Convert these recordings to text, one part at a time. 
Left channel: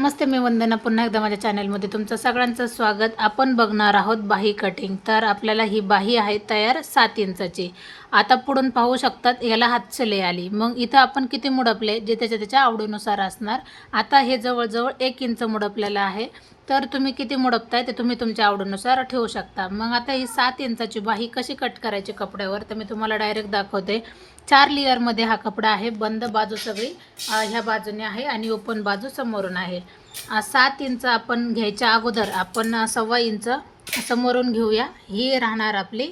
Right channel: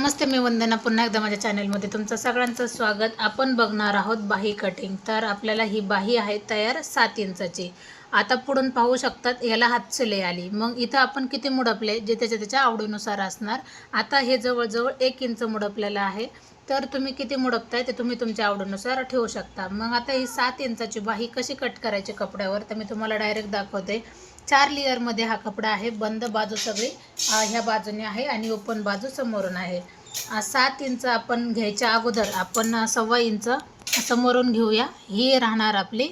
नमस्ते मी वंदना. पुन्हा एकदा माझ्या चॅनलमध्ये तुमचं सगळ्यांचं स्वागत. आपण बघणार आहोत बाही कटिंग. तर आपल्याला ही बाही आहे तयार सात इंचाची. आता पुढून पाहू शकतात याला हातशिलाई आली. मग इथं आपण किती मुडपले जे त्याच्या त्याच्या आवडीनुसार असणार. आता हे जवळजवळ एक इंच मुडपलेलं आहे. तर तुम्ही किती मुडपताय ते तुम्ही तुमच्या आवडीनुसार ठेवू शकता. मग आता ही सात इंचाची बाही कशी कट करायची कपड्यावर तर मी तुम्हाला डायरेक्ट दाखवते. चार लेअरमध्ये हा कपडा आहे. बंद बाजू सगळी ह्या बाजूने आहे आणि ओपन बाजू समोरून आहे. सात इंच आपण घ्यायच्या अगोदर आपण सव्वा इंच समोरून घेऊया. ही राहणार आपली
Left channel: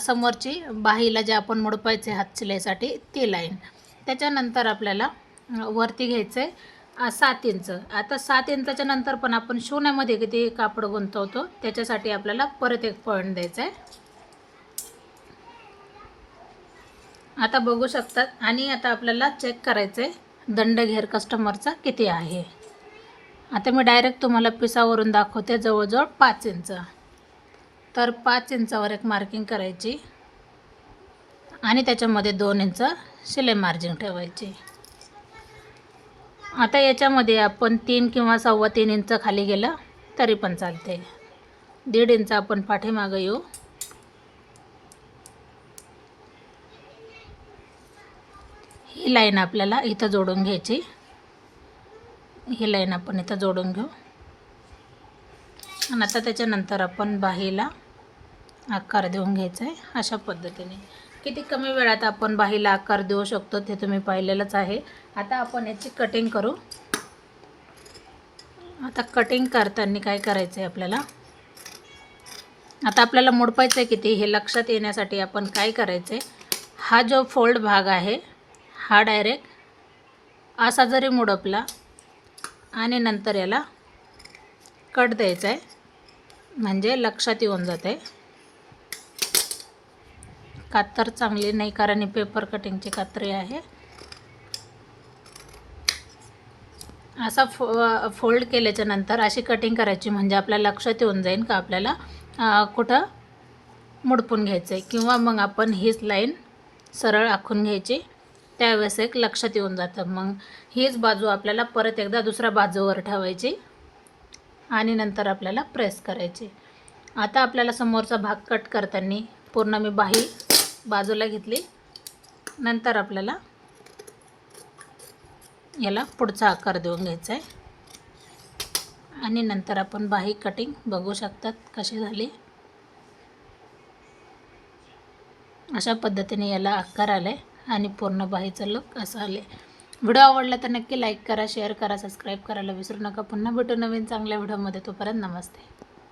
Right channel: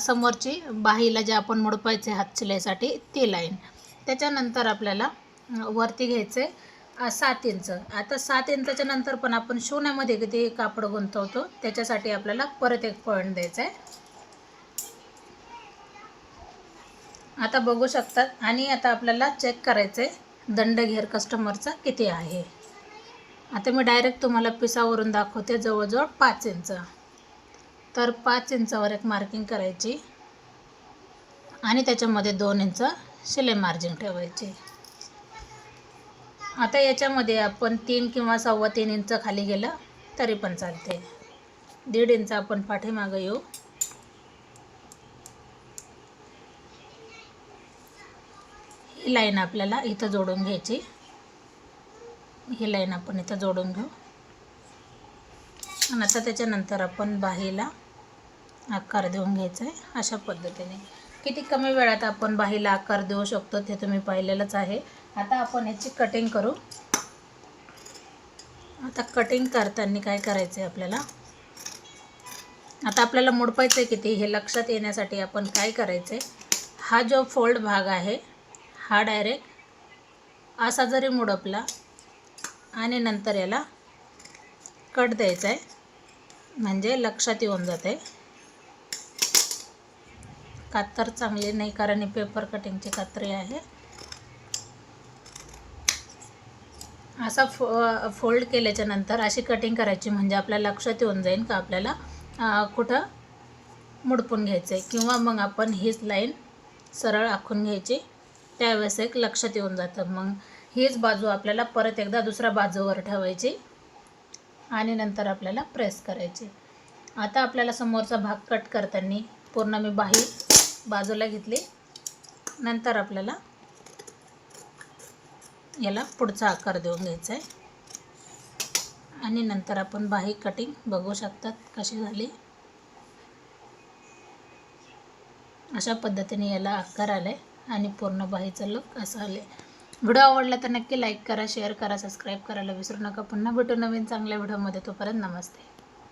समोरची बाहीला जे आपण मोडपायचे हात शिलाईसाठी ती लाईन त्याच्यानंतर आपल्याला वरती घ्यायचे. सात इंच. आता सात इंचाच्या नंतर पण आपण शिवण्यामध्ये किती कापड गुंतवतो त्याच्यासाठी आपल्याला परत एक पॉईंट द्यायचा आहे. आता बघू शकतात. आणि आता आपल्याला चेक करायचं आहे दंडघेर कस्टमरचा किती आहे. आता मी डायरेक्ट तुम्हाला पिसावरून दाखवते जवळजवळ पाच इंच. तर पाच इंचावर एक मार्किंग करायची. आणि त्याच्यामध्ये दोन इंच शिलाई मार्जिन ठेवायची. आता याच्यामध्ये आपण तीन किंवा सव्वा तीन इंच खाली गेलं तरी पण चालते. दीड इंच आपण पाठीमागं येऊ. ही लाईन आपल्याला इथं जोडून घ्यायची. ही लाईन आपण इथं जोडून घेऊ. आणि आता त्याच्यानंतर आपण बाहीला आकार देऊन घ्यायचा आहे अशा पद्धतीने. किती कमी वेळात आपण बाहीला आकार देऊ शकतो ते तुम्ही पाहिलेलंच आहे. आता आपण याची कटिंग करू. आता कटिंग करताना काय करायचं आहे आपल्याला? आता आपल्याला मोडपायचं आहे किती? हे लक्षात येण्यासाठी आपण काय करायचं आहे हा जो फोल्ड भाग आहे हा डायरेक्ट असा जरी मोडपला आणि नंतर याला कट द्यायचा आहे म्हणजे लक्षात येऊन जात आहे कातर चांगली नाही कारण पेपर कटिंगची कात्री आहे. असा फो फोल्ड केल्याच्यानंतर अशी कटिंग करायची म्हणजे आपल्या लक्षात येऊन जाईल का आपल्याला कुठं मुडपून घ्यायचं आहे किंवा मग आपण हीच लाईन सरळ आखून घ्यायची. त्यावेळेस एक लक्षात येऊन जातं. मग हीच बाजू आपल्याला परत एकदा दुसऱ्या बाजूवर ठेवायची आणि नंतर आपल्याला प्रेस करायची. आता आपल्याला समोरचा भाग कट करताना पूर्ण मी बाही बाजूला घेतली. नंतर आपल्याला याला पुढचा आकार देऊन घ्यायचा आहे. आणि नंतर आपण बाही कटिंग बघू शकतात कशी झाली. अशा पद्धतीने याला आकार आले आणि पूर्ण बाहीचं लुक असं आले व्हिडिओ आवडला तर नक्की लाईक करा शेअर करा सबस्क्राईब करायला विसरू नका. पुन्हा भेटू नवीन चांगल्या व्हिडिओमध्ये. तोपर्यंत नमस्ते.